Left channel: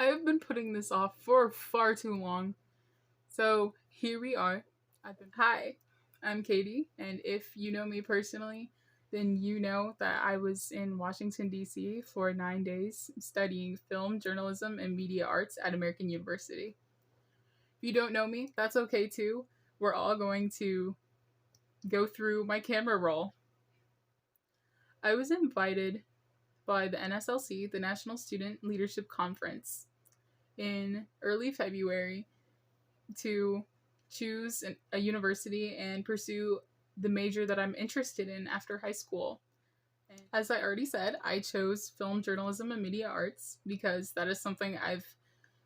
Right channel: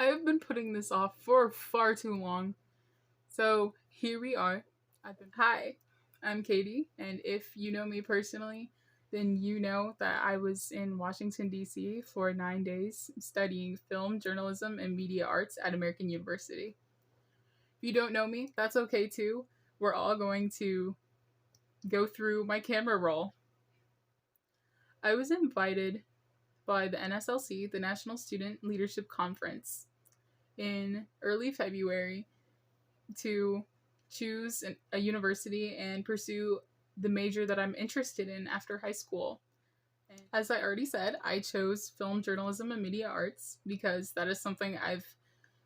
I've been putting this off for far too long. So here we are. Hi, I'm Katie, and if you know me personally, then you know that I was in Washington, D.C. for 9 days studying film, journalism, and media arts at American University. If you don't know me, that's okay too. We're all going to go through my camera roll. I was invited by the NSLC, the National Student Leadership Conference, in early February to choose a university and pursue the major that I'm interested in after high school. And as I already said, I chose film journalism and media arts because that is something I've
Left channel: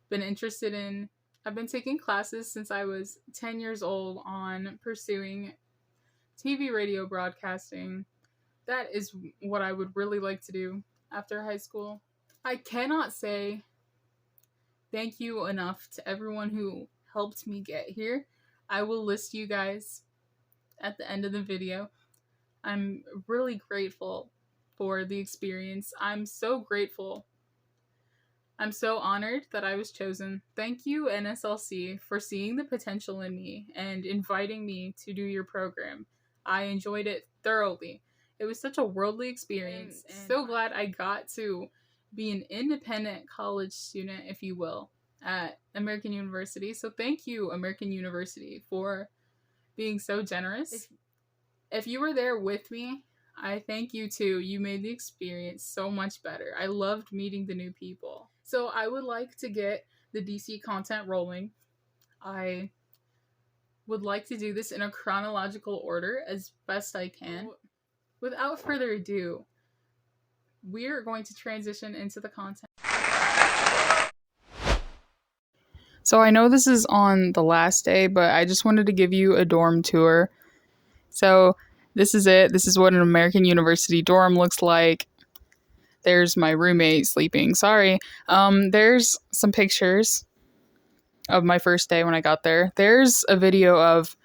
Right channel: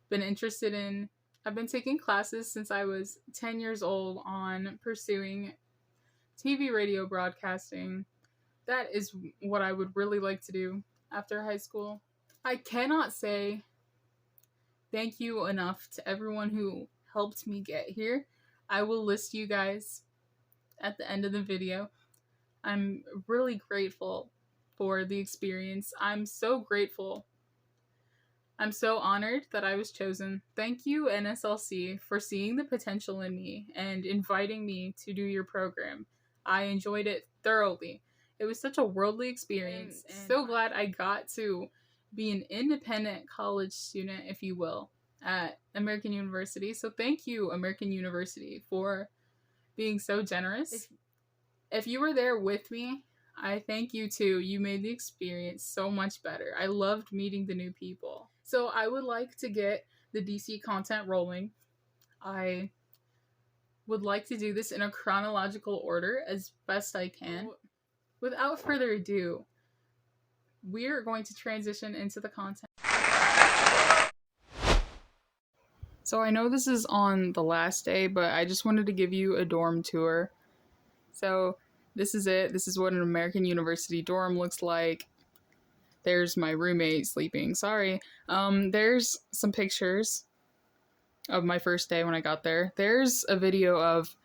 been interested in. I've been taking classes since I was 10 years old on pursuing TV radio broadcasting. That is what I would really like to do after high school. I cannot say thank you enough to everyone who helped me get here. I will list you guys at the end of the video. I'm really grateful for the experience. I'm so grateful. I'm so honored that I was chosen. Thank you, NSLC, for seeing the potential in me and inviting me to do your program. I enjoyed it thoroughly. It was such a worldly experience. And so glad I got to be an independent college student, if you will, at American University. So thank you, American University, for being so generous. If you were there with me, I thank you too. You made the experience so much better. I loved meeting the new people. So I would like to get the DC content rolling. I would like to do this in a chronological order as best I can. Without further ado, we're going to transition into the content. So I know this is on the last day, but I just wanted to give you a dorm tour. So this is it. This is what an American University dorm looks like. There's my roommate sleeping. Sorry. There's some pictures of my first day when I got there. There's a video of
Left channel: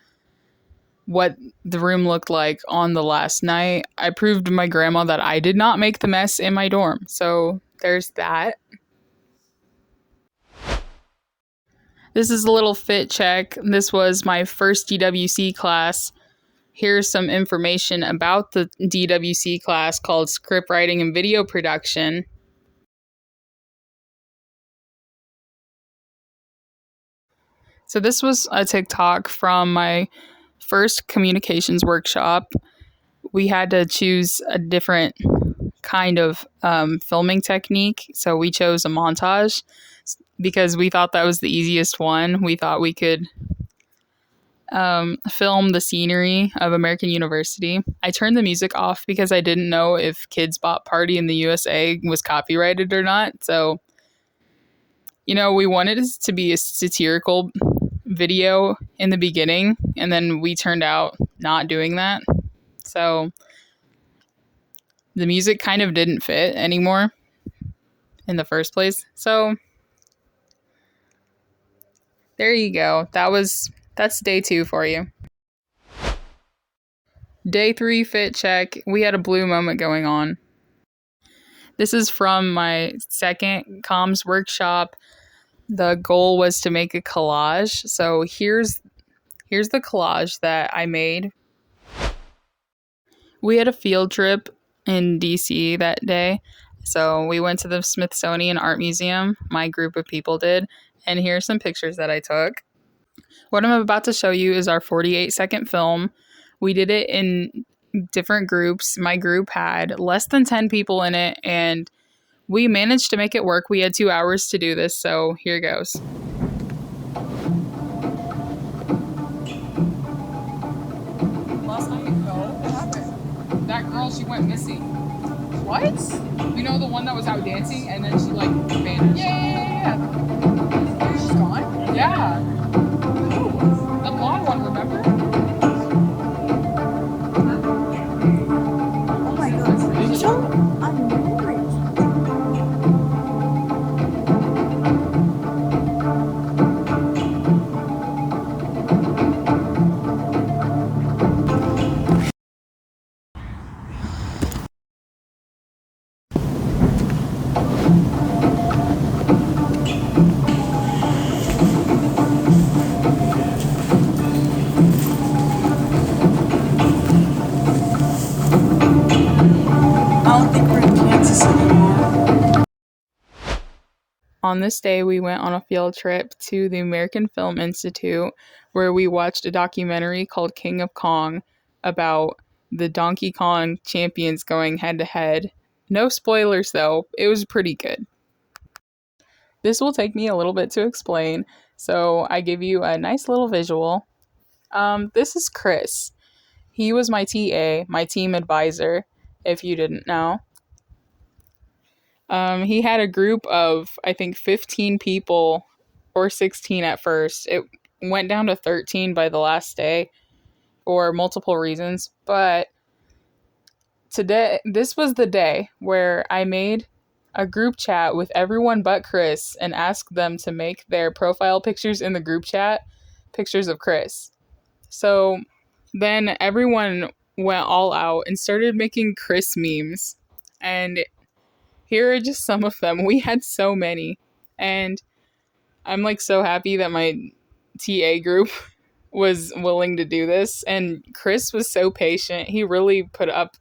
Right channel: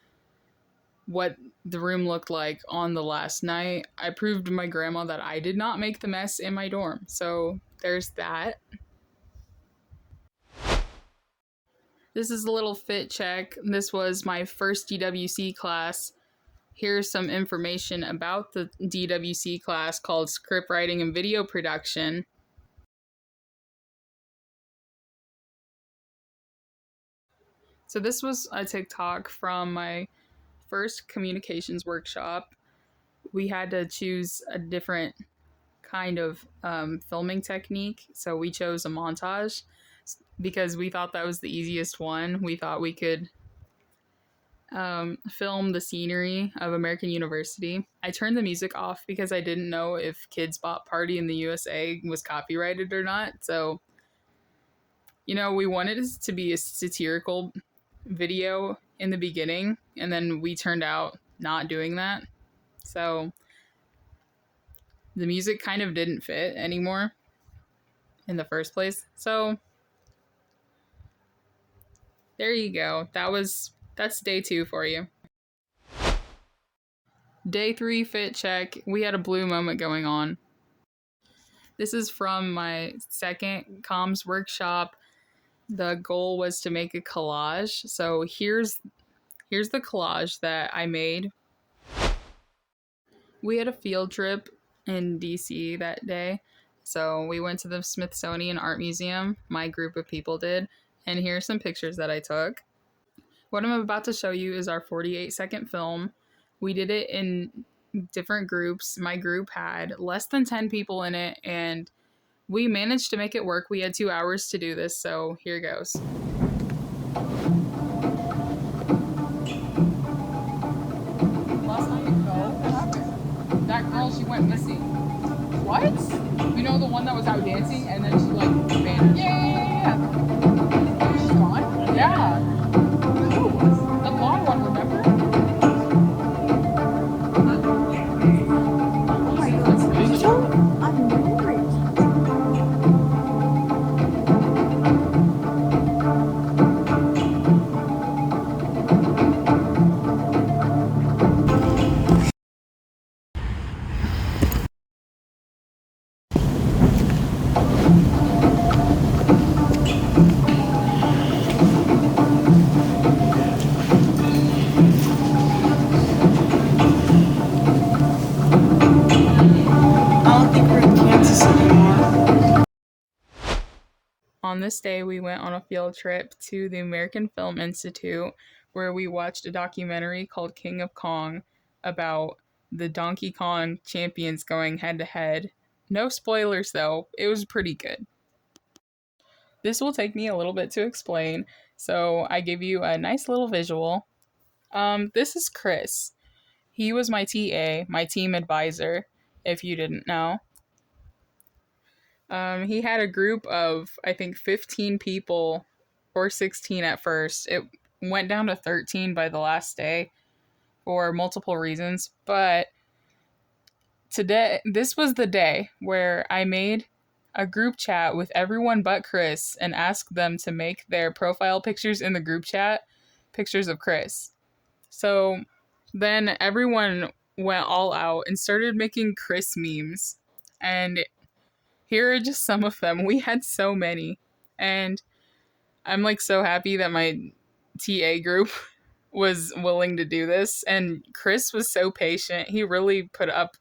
what the room looked like on the last night. I proved to my grandma that I did not make the mess in my dorm. So there's that. This is a little fit check. This was my first DWC class. Here's some information about the DWC class called Script Writing and Video Production. So this was a TikTok from my first communications workshop. We had to choose a different kind of filming technique. So we chose a montage because we thought that was the easiest one. We thought we could film the scenery of American University. I turned the music off because I didn't know if Kids Bop Party in the USA was copyrighted or not. So, we wanted it to be a satirical video in the beginning, and then we turned out not doing that. So the music kind of didn't fit anymore in the first place. So there you go. That's day 2 for you. Day 3 fit check. We had a blue moment going on. This is from my second comms workshop. The goal was to make a collage. So here's the collage that I made. We had a field trip in DC that day. So we went to the Smithsonian Art Museum. My group of people did. And here's some pictures that I took. What I'm about to show you is our 48-second film. We did it in different groups. My group had less than 10 people in it, and we managed to make it work. We had 2 hours to do this, so here goes. Last night, what happened? That girl, she went missing. What? You know the one that was out dancing, and then she, vanished? Yeah. She's gone? Yeah. The blonde one, remember? Oh my goodness. I'm worried. On this day, we went on a field trip to the American Film Institute where we watched a documentary called King of Kong about the Donkey Kong champions going head to head. No spoilers though, it was pretty good. This will take me a little bit to explain, so I give you a nice little visual. This is Chris. He was my TA, my team advisor, if you didn't know. He had a group of, I think, 15 people, or 16 at first. It went down to 13 by the last day for multiple reasons. But today, this was the day where I made a group chat with everyone but Chris and asked them to make their profile pictures in the group chat pictures of Chris. So then everyone went all out and started making Chris memes. And here are just some of them. We had so many. And I'm like so happy that my TA group was willing to do this. And Chris was so patient. He really put up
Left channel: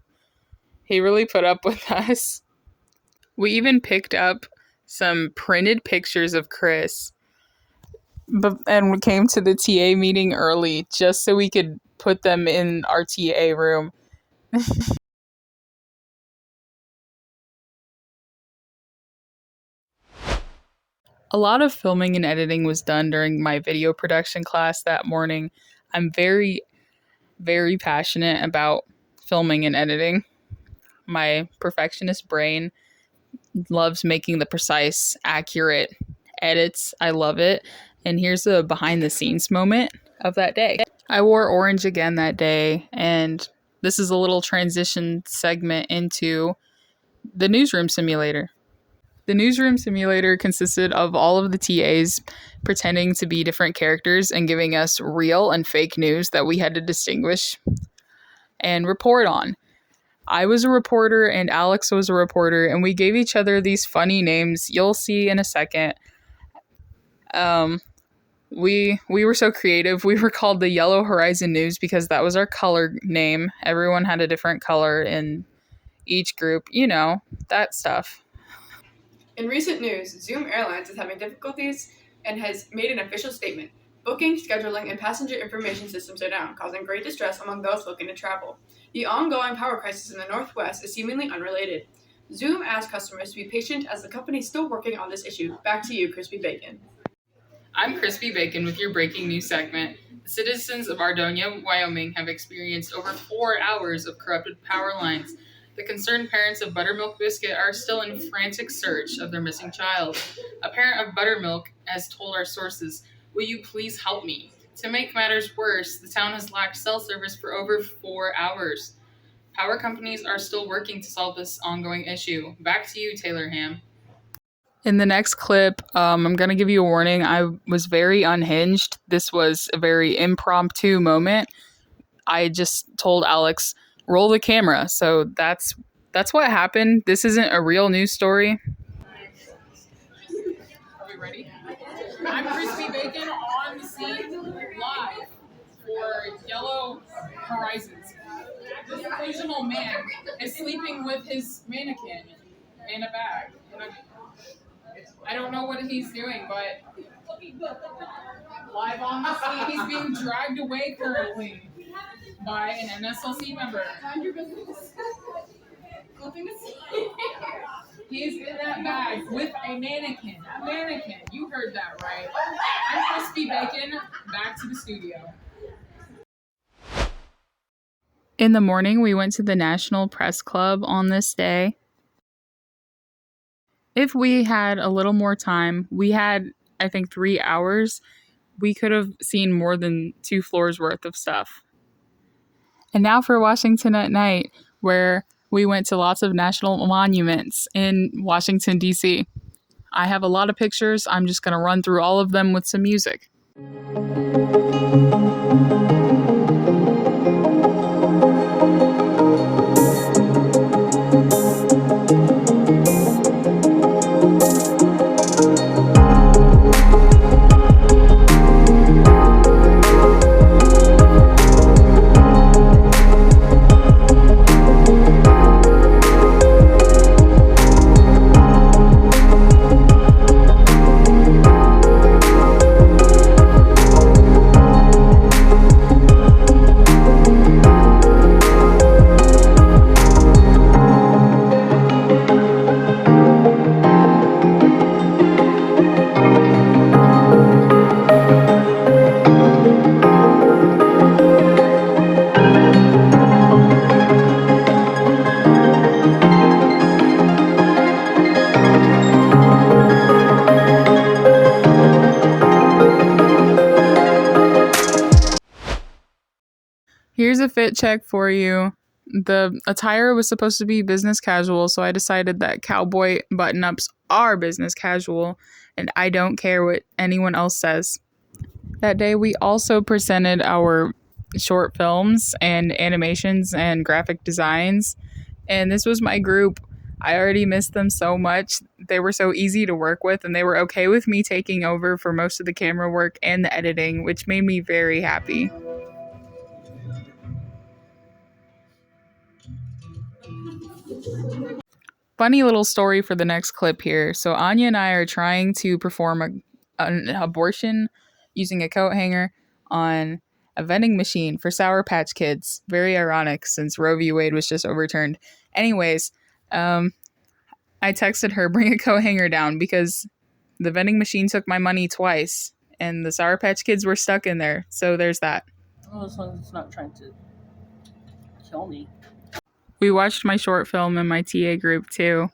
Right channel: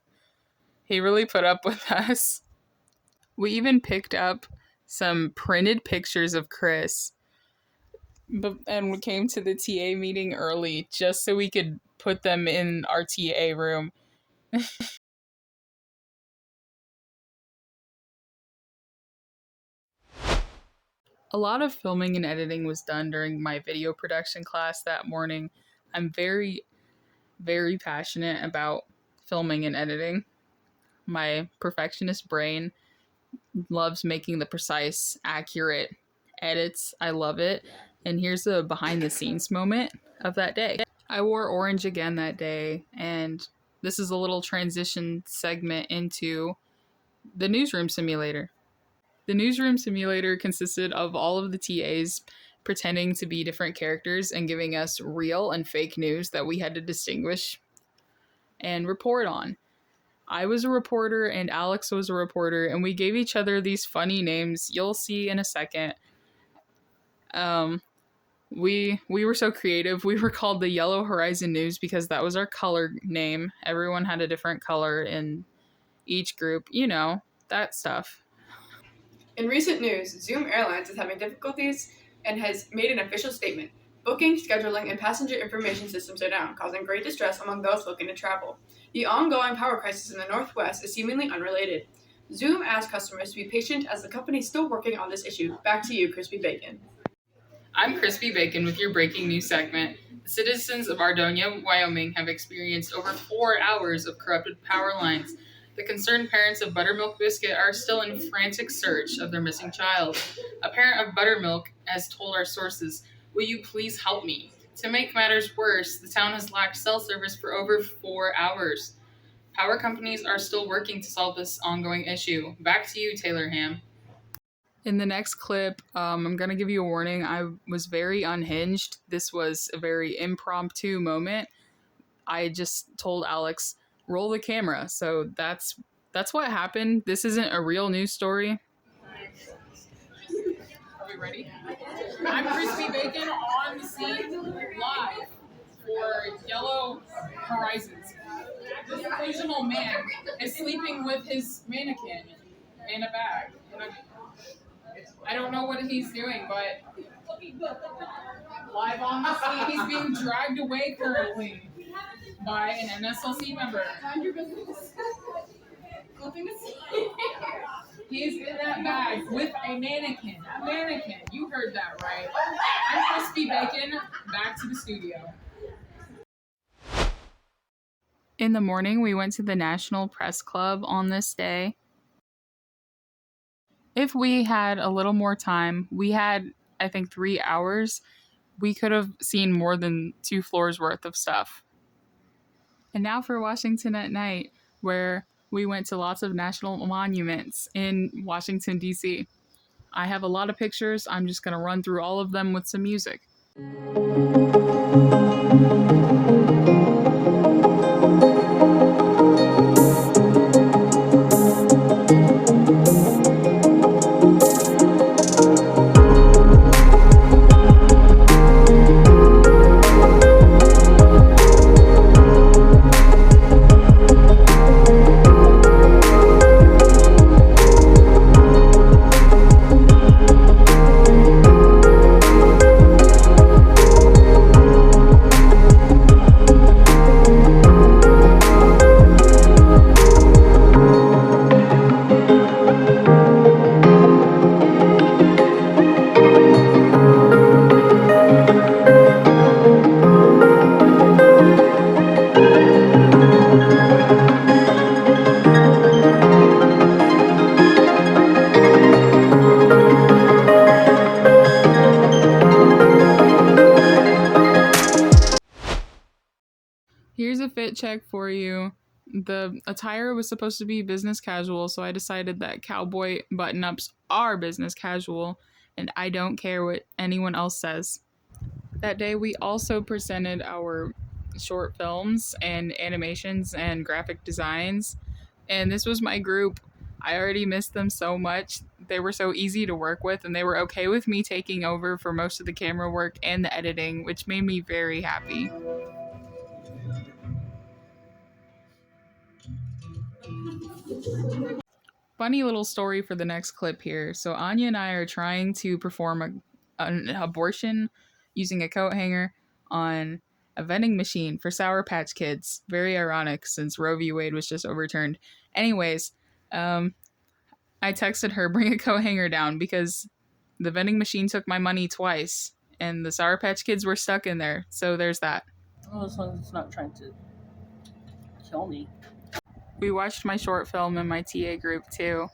with us. We even picked up some printed pictures of Chris and we came to the TA meeting early just so we could put them in our TA room. A lot of filming and editing was done during my video production class that morning. I'm very, very passionate about filming and editing. My perfectionist brain loves making the precise, accurate edits. I love it. And here's a behind the scenes moment of that day. I wore orange again that day, and this is a little transition segment into the newsroom simulator. The newsroom simulator consisted of all of the TAs pretending to be different characters and giving us real and fake news that we had to distinguish and report on. I was a reporter and Alex was a reporter, and we gave each other these funny names you'll see in a second. We were so creative. We were called the Yellow Horizon News because that was our color name. Everyone had a different color in each group. You know, that stuff. In recent news, Zoom Airlines is having difficulties and has made an official statement. Booking, scheduling, and passenger information systems are down, causing great distress among those looking to travel. The ongoing power crisis in the Northwest is seemingly unrelated. Zoom asks customers to be patient as the company is still working on this issue. Back to you, Crispy Bacon. I'm Crispy Bacon with your breaking news segment. The citizens of Ardonia, Wyoming have experienced over 4 hours of corrupted power lines. The concerned parents of Buttermilk Biscuit are still in frantic search of their missing child. A parent of Buttermilk has told our sources, "Will you please help me?" To make matters worse, the town has lacked cell service for over 4 hours. Power companies are still working to solve this ongoing issue. Back to you, Taylor Ham. In the next clip, I'm going to give you a warning. I was very unhinged. This was a very impromptu moment. I just told Alex, roll the camera. So that's what happened. This isn't a real news story. Are we ready? I'm Crispy Bacon on the scene live for Yellow Horizons. This delusional man is sleeping with his mannequin in a bag. I don't know what he's doing, but live on the scene, he's being dragged away currently by an NSLC member. He's in that bag with a mannequin. A mannequin. You heard that right. I'm Crispy Bacon. Back to the studio. In the morning, we went to the National Press Club on this day. If we had a little more time, we had, I think, 3 hours, we could have seen more than 2 floors worth of stuff. And now for Washington at Night, where we went to lots of national monuments in Washington, D.C. I have a lot of pictures. I'm just going to run through all of them with some music. Here's a fit check for you. The attire was supposed to be business casual, so I decided that cowboy button-ups are business casual, and I don't care what anyone else says. That day, we also presented our short films and animations and graphic designs, and this was my group. I already missed them so much. They were so easy to work with, and they were okay with me taking over for most of the camera work and the editing, which made me very happy. Funny little story for the next clip here. So Anya and I are trying to perform an abortion using a coat hanger on a vending machine for Sour Patch Kids. Very ironic since Roe v. Wade was just overturned. Anyways, I texted her, bring a coat hanger down because the vending machine took my money twice and the Sour Patch Kids were stuck in there. So there's that. Well, as long as it's not trying to kill me. We watched my short film in my TA group too.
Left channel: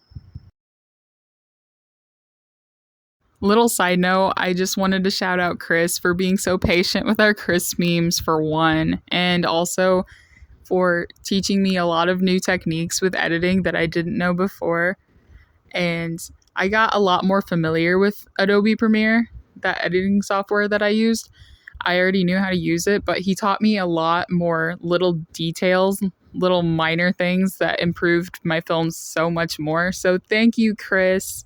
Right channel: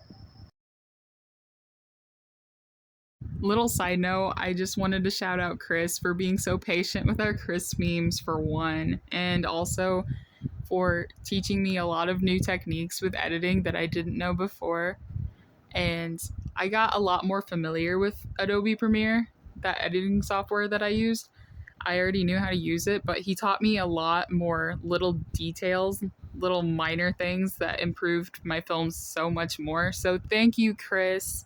Little side note, I just wanted to shout out Chris for being so patient with our Chris memes for one, and also for teaching me a lot of new techniques with editing that I didn't know before. And I got a lot more familiar with Adobe Premiere, that editing software that I used. I already knew how to use it, but he taught me a lot more little details, little minor things that improved my films so much more. So thank you, Chris.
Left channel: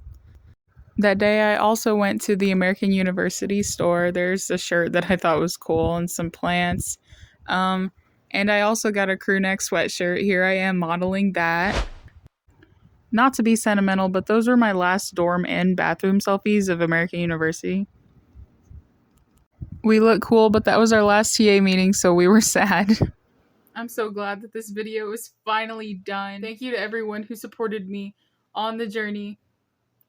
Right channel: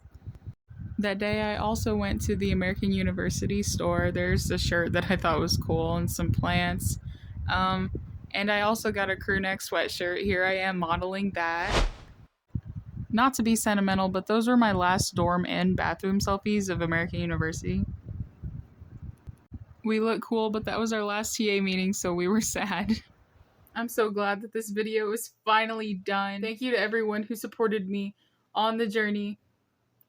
That day, I also went to the American University store. There's a shirt that I thought was cool and some plants. And I also got a crew neck sweatshirt. Here I am modeling that. Not to be sentimental, but those were my last dorm and bathroom selfies of American University. We look cool, but that was our last TA meeting, so we were sad. I'm so glad that this video is finally done. Thank you to everyone who supported me on the journey,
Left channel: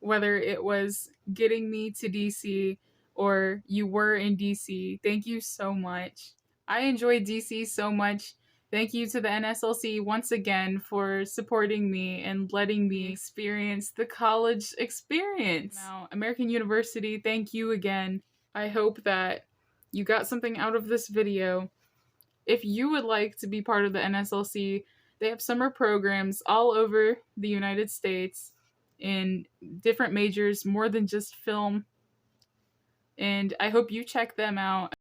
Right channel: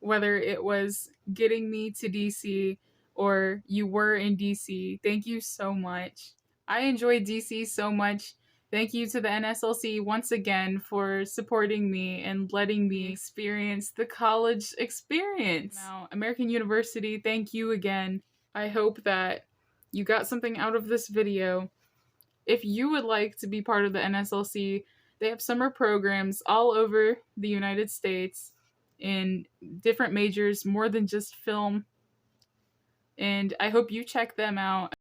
whether it was getting me to DC or you were in DC. Thank you so much. I enjoyed DC so much. Thank you to the NSLC once again for supporting me and letting me experience the college experience. Now, American University, thank you again. I hope that you got something out of this video. If you would like to be part of the NSLC, they have summer programs all over the United States in different majors, more than just film. And I hope you check them out.